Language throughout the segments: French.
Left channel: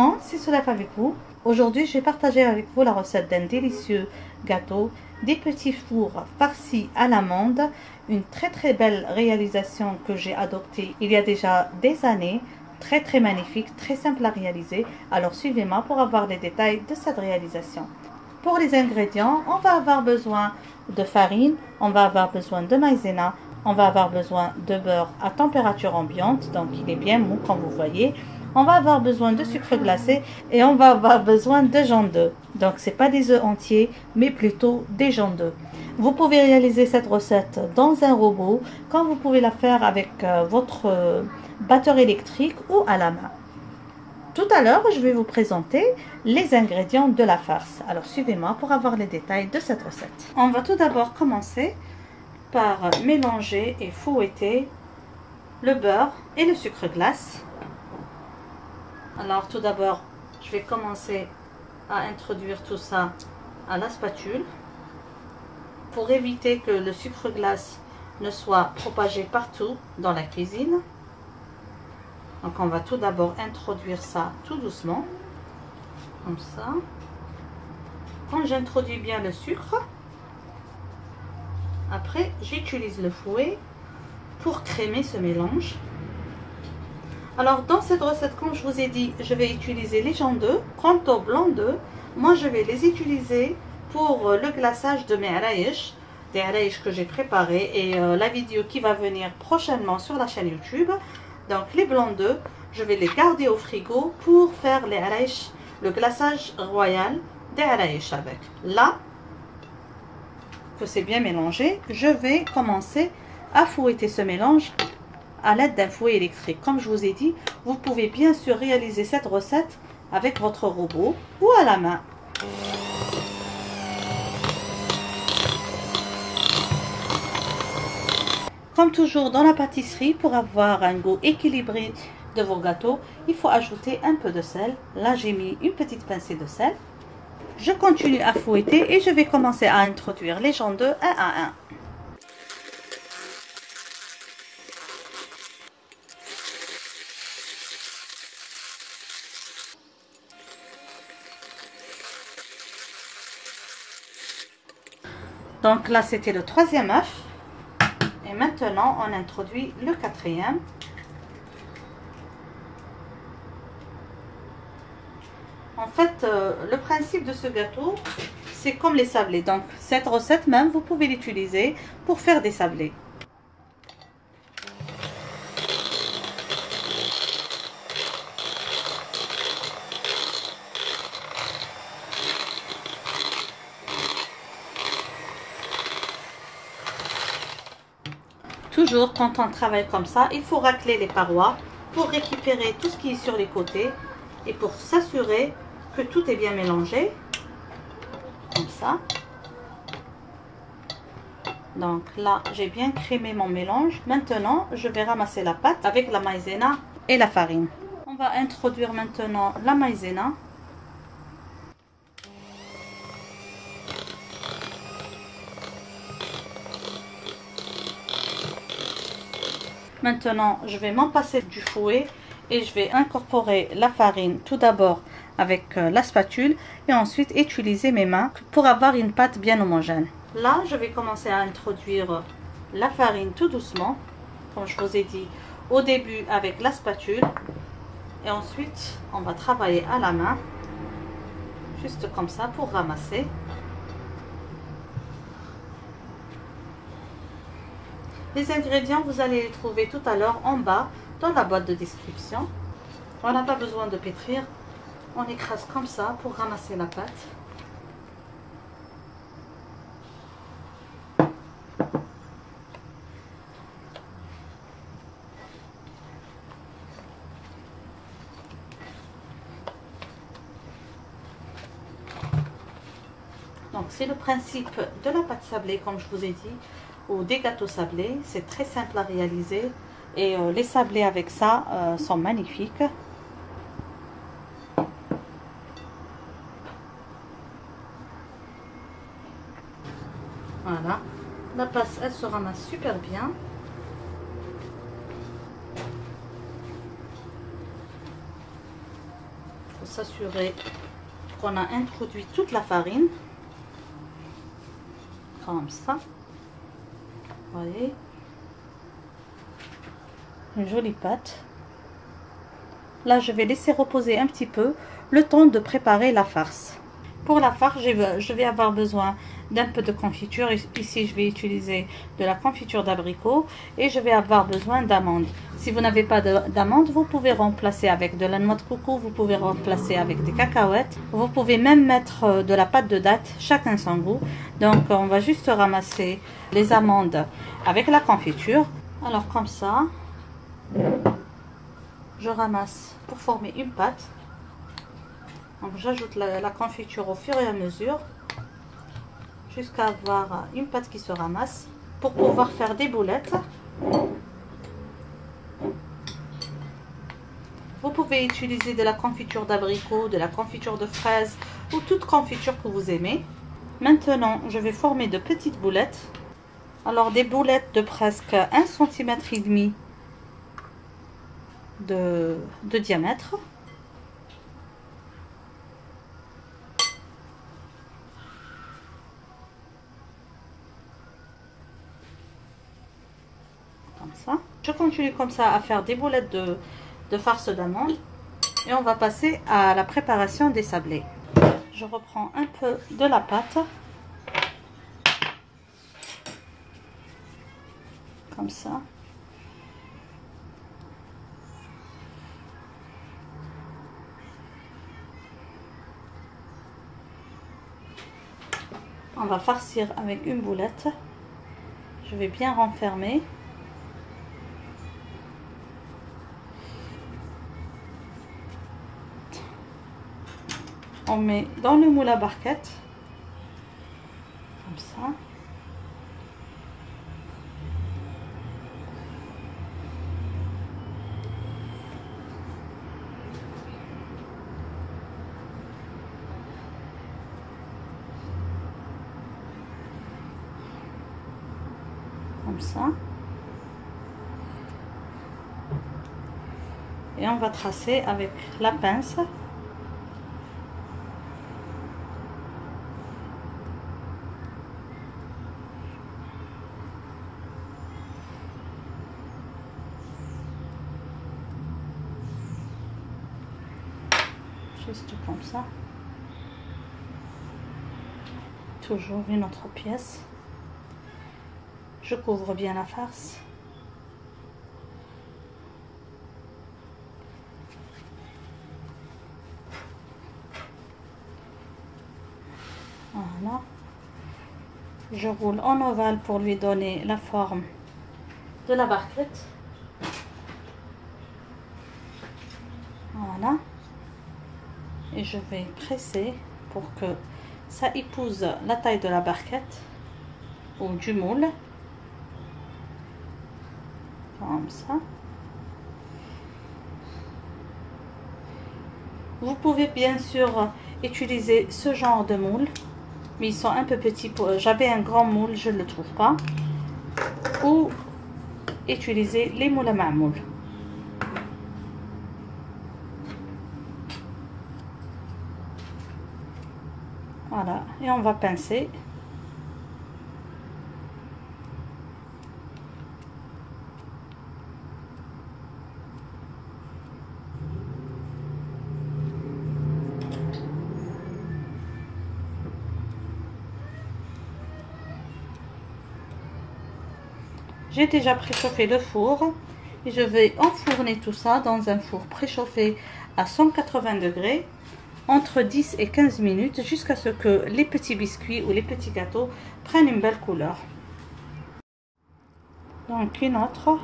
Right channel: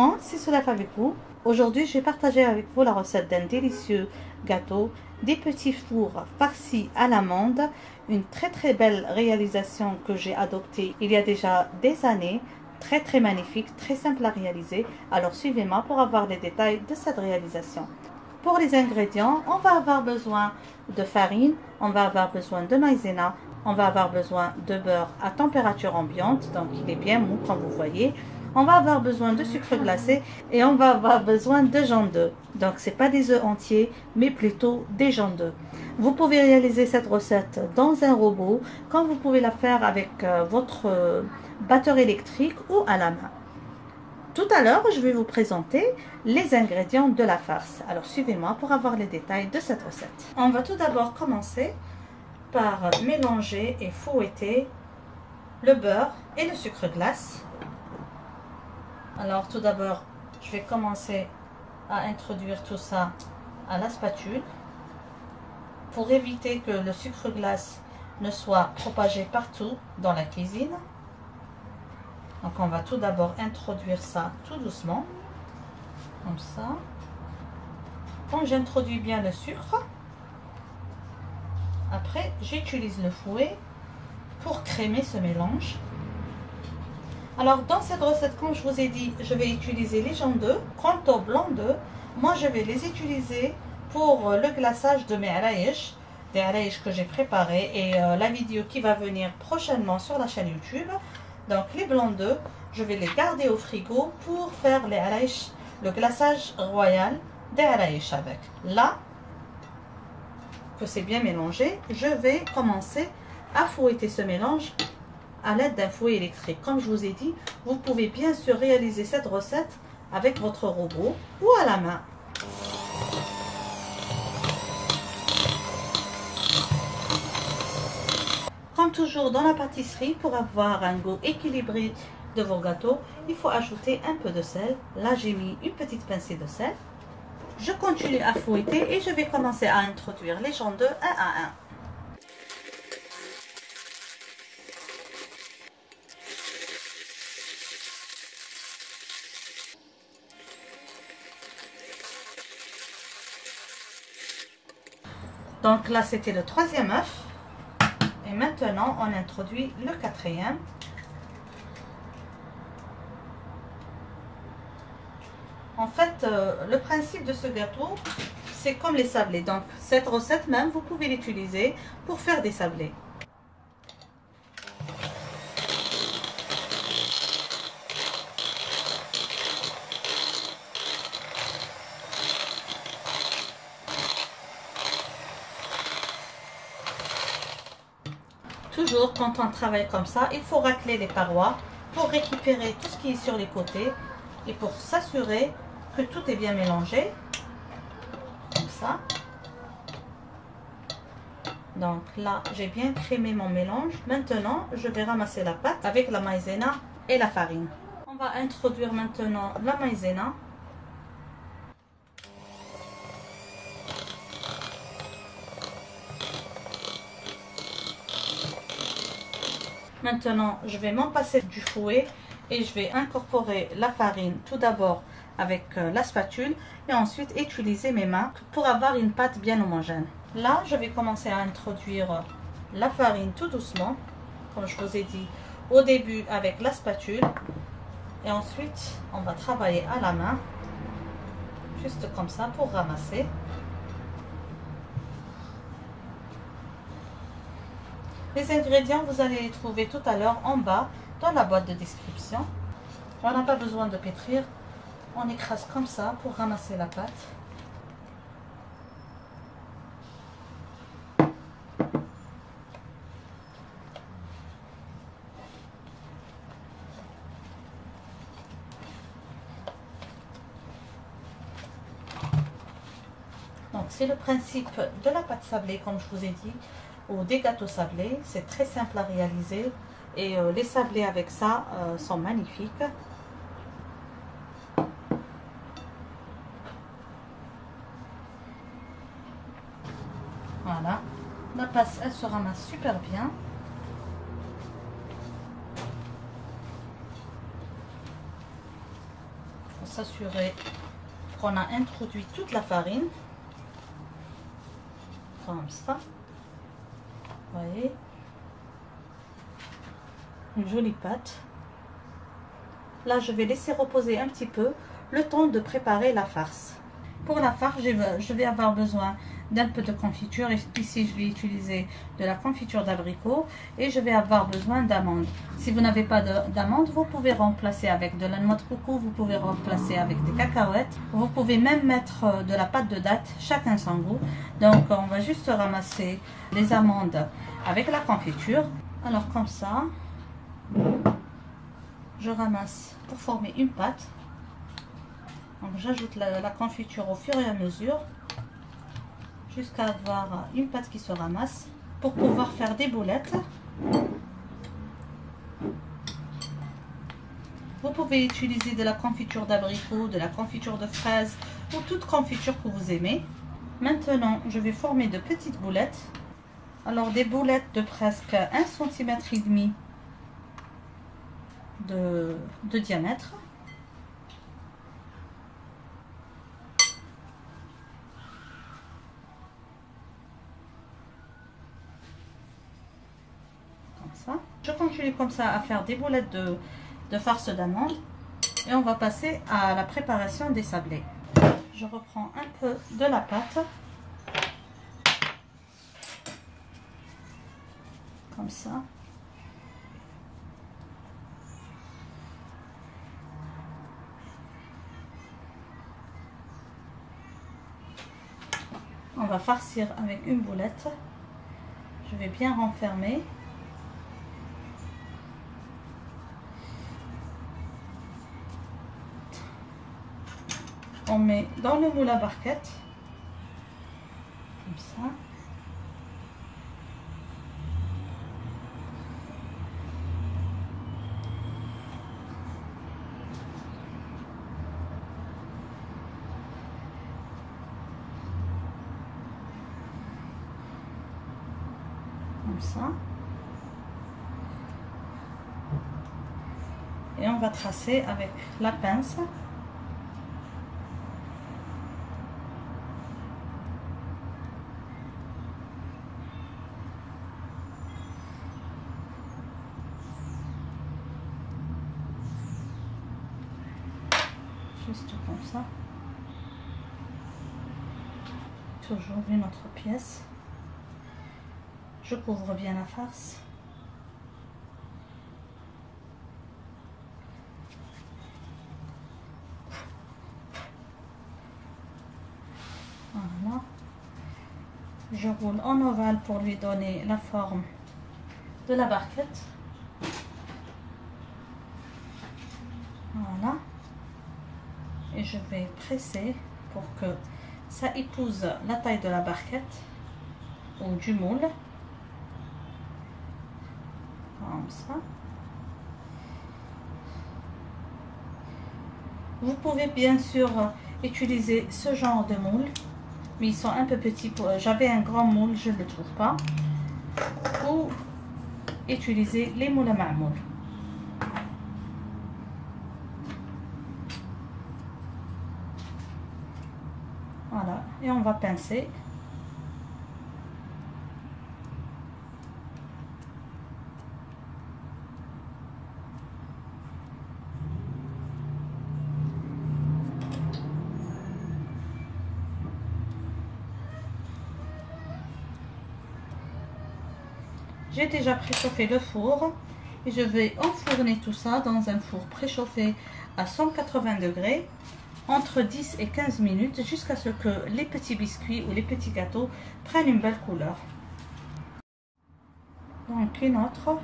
monde, c'est Solaf avec vous. Aujourd'hui, je vais partager avec vous la recette d'un délicieux gâteau, des petits fours farcis à l'amande, une très belle réalisation que j'ai adoptée il y a déjà des années, très magnifique, très simple à réaliser. Alors suivez-moi pour avoir les détails de cette réalisation. Pour les ingrédients, on va avoir besoin de farine, on va avoir besoin de maïzena, on va avoir besoin de beurre à température ambiante, donc il est bien mou comme vous voyez. On va avoir besoin de sucre glacé et on va avoir besoin de jaune d'œuf. Donc c'est pas des œufs entiers, mais plutôt des jaunes d'œufs. Vous pouvez réaliser cette recette dans un robot, quand vous pouvez la faire avec votre batteur électrique ou à la main. Tout à l'heure, je vais vous présenter les ingrédients de la farce. Alors suivez-moi pour avoir les détails de cette recette. On va tout d'abord commencer par mélanger et fouetter le beurre et le sucre glace. Alors tout d'abord, je vais commencer à introduire tout ça à la spatule pour éviter que le sucre glace ne soit propagé partout dans la cuisine. Donc on va tout d'abord introduire ça tout doucement, comme ça. Quand j'introduis bien le sucre, après j'utilise le fouet pour crémer ce mélange. Alors dans cette recette, comme je vous ai dit, je vais utiliser les jaunes d'œufs. Quant au blanc d'œufs, moi je vais les utiliser pour le glaçage de mes araïches, des araïches que j'ai préparées, et la vidéo qui va venir prochainement sur la chaîne YouTube. Donc les blancs d'œufs, je vais les garder au frigo pour faire les araïches, le glaçage royal des araïches avec. Là, que c'est bien mélangé, je vais commencer à fouetter ce mélange à l'aide d'un fouet électrique. Comme je vous ai dit, vous pouvez bien sûr réaliser cette recette avec votre robot ou à la main. Comme toujours dans la pâtisserie, pour avoir un goût équilibré de vos gâteaux, il faut ajouter un peu de sel. Là, j'ai mis une petite pincée de sel. Je continue à fouetter et je vais commencer à introduire les jaunes d'œufs un à un. Donc là, c'était le troisième œuf. Et maintenant, on introduit le quatrième. En fait, le principe de ce gâteau, c'est comme les sablés. Donc, cette recette même, vous pouvez l'utiliser pour faire des sablés. Toujours, quand on travaille comme ça, il faut racler les parois pour récupérer tout ce qui est sur les côtés et pour s'assurer que tout est bien mélangé, comme ça. Donc là, j'ai bien crémé mon mélange. Maintenant, je vais ramasser la pâte avec la maïzena et la farine. On va introduire maintenant la maïzena. Maintenant, je vais m'en passer du fouet et je vais incorporer la farine tout d'abord avec la spatule et ensuite utiliser mes mains pour avoir une pâte bien homogène. Là, je vais commencer à introduire la farine tout doucement, comme je vous ai dit au début avec la spatule. Et ensuite, on va travailler à la main, juste comme ça pour ramasser. Les ingrédients, vous allez les trouver tout à l'heure en bas dans la boîte de description. On n'a pas besoin de pétrir. On écrase comme ça pour ramasser la pâte. Donc c'est le principe de la pâte sablée, comme je vous ai dit, ou des gâteaux sablés. C'est très simple à réaliser et les sablés avec ça sont magnifiques. Voilà, la pâte elle se ramasse super bien. s'assurer qu'on a introduit toute la farine. Comme ça. Vous voyez? Une jolie pâte. Là, je vais laisser reposer un petit peu le temps de préparer la farce. Pour la farce, je vais avoir besoin d'un peu de confiture. Ici, je vais utiliser de la confiture d'abricot et je vais avoir besoin d'amandes. Si vous n'avez pas d'amandes, vous pouvez remplacer avec de la noix de coco, vous pouvez remplacer avec des cacahuètes. Vous pouvez même mettre de la pâte de date, chacun son goût. Donc, on va juste ramasser les amandes avec la confiture. Alors, comme ça, je ramasse pour former une pâte. Donc j'ajoute la confiture au fur et à mesure jusqu'à avoir une pâte qui se ramasse pour pouvoir faire des boulettes. Vous pouvez utiliser de la confiture d'abricot, de la confiture de fraise ou toute confiture que vous aimez. Maintenant, je vais former de petites boulettes. Alors des boulettes de presque 1,5 cm de diamètre. Comme ça. Je continue comme ça à faire des boulettes de farce d'amande et on va passer à la préparation des sablés. Je reprends un peu de la pâte. Comme ça. On va farcir avec une boulette. Je vais bien renfermer. On met dans le moule à barquette. Comme ça. Comme ça. Et on va tracer avec la pince. Juste comme ça. Toujours une autre pièce. Je couvre bien la farce. Voilà. Je roule en ovale pour lui donner la forme de la barquette. Voilà. Et je vais presser pour que ça épouse la taille de la barquette ou du moule. Comme ça. Vous pouvez bien sûr utiliser ce genre de moule, mais ils sont un peu petits. J'avais un grand moule, je ne le trouve pas. Ou utiliser les moules à marmoule. Voilà, et on va pincer. J'ai déjà préchauffé le four et je vais enfourner tout ça dans un four préchauffé à 180 degrés entre 10 et 15 minutes jusqu'à ce que les petits biscuits ou les petits gâteaux prennent une belle couleur. Donc une autre.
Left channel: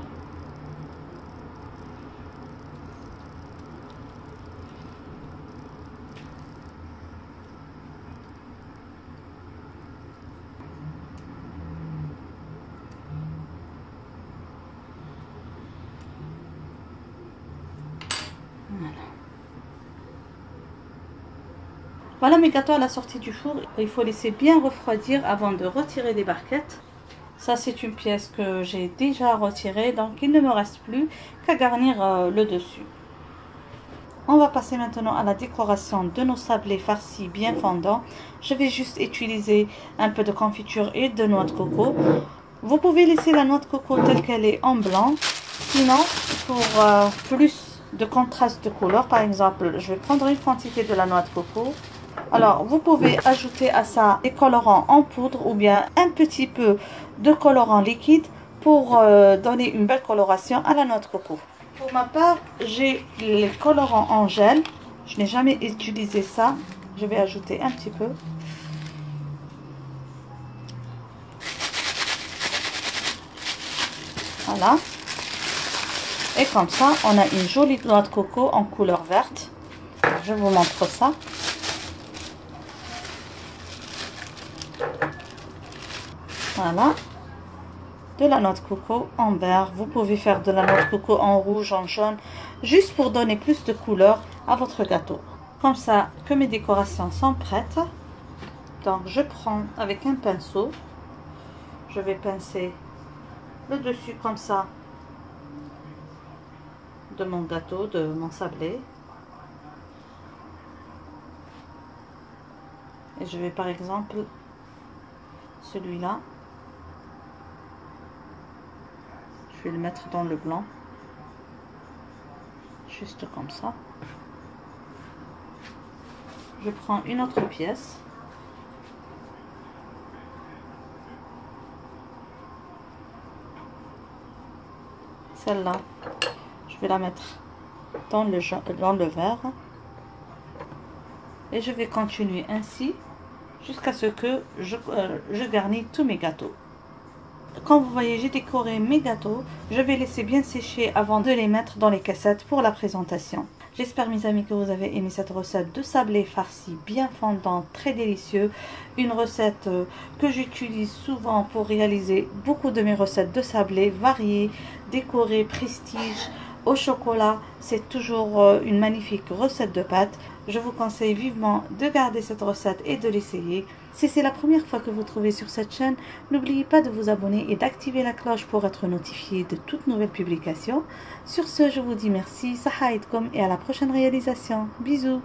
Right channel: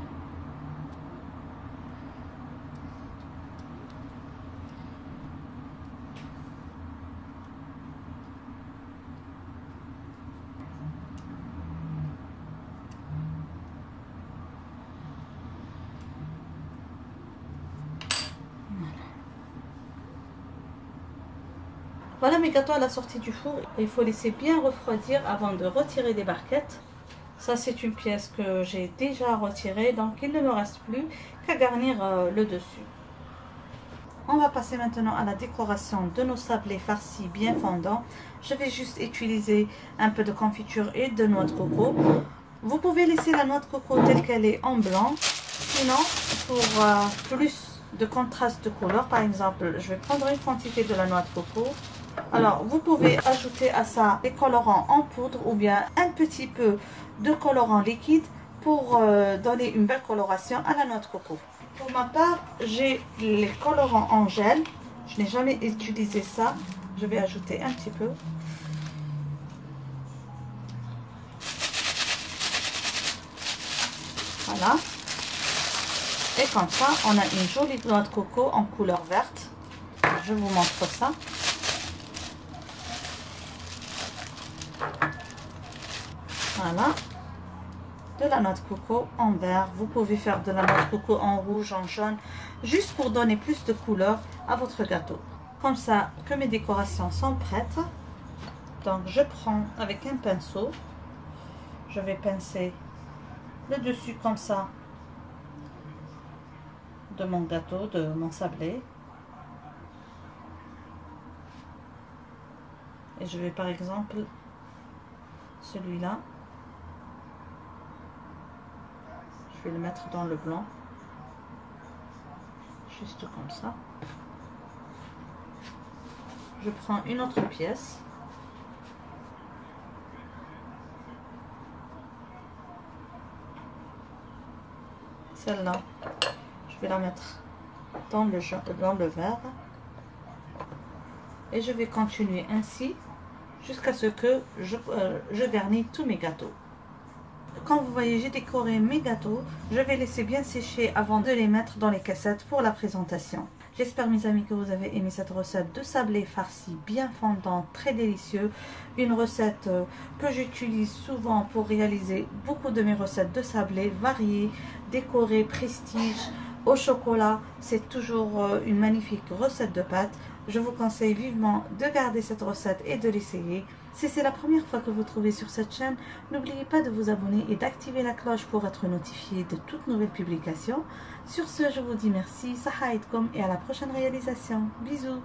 Voilà mes gâteaux à la sortie du four. Il faut laisser bien refroidir avant de retirer les barquettes. Ça c'est une pièce que j'ai déjà retirée, donc il ne me reste plus qu'à garnir le dessus. On va passer maintenant à la décoration de nos sablés farcis bien fondants. Je vais juste utiliser un peu de confiture et de noix de coco. Vous pouvez laisser la noix de coco telle qu'elle est en blanc. Sinon, pour plus de contraste de couleur, par exemple, je vais prendre une quantité de la noix de coco. Alors, vous pouvez ajouter à ça des colorants en poudre ou bien un petit peu de colorant liquide pour donner une belle coloration à la noix de coco. Pour ma part, j'ai les colorants en gel. Je n'ai jamais utilisé ça. Je vais ajouter un petit peu. Voilà. Et comme ça, on a une jolie noix de coco en couleur verte. Je vous montre ça. Voilà. De la noix de coco en vert. Vous pouvez faire de la noix de coco en rouge, en jaune, juste pour donner plus de couleur à votre gâteau. Comme ça que mes décorations sont prêtes. Donc je prends avec un pinceau, je vais pincer le dessus comme ça de mon gâteau, de mon sablé. Et je vais par exemple celui-là. Je vais le mettre dans le blanc, juste comme ça. Je prends une autre pièce. Celle-là, je vais la mettre dans le verre. Et je vais continuer ainsi jusqu'à ce que je garnis tous mes gâteaux. Comme vous voyez, j'ai décoré mes gâteaux. Je vais laisser bien sécher avant de les mettre dans les cassettes pour la présentation. J'espère mes amis que vous avez aimé cette recette de sablé farci bien fondant, très délicieux. Une recette que j'utilise souvent pour réaliser beaucoup de mes recettes de sablé variées, décorées, prestige, au chocolat. C'est toujours une magnifique recette de pâtes. Je vous conseille vivement de garder cette recette et de l'essayer. Si c'est la première fois que vous trouvez sur cette chaîne, n'oubliez pas de vous abonner et d'activer la cloche pour être notifié de toutes nouvelles publications. Sur ce, je vous dis merci, saha aidkoum et à la prochaine réalisation. Bisous.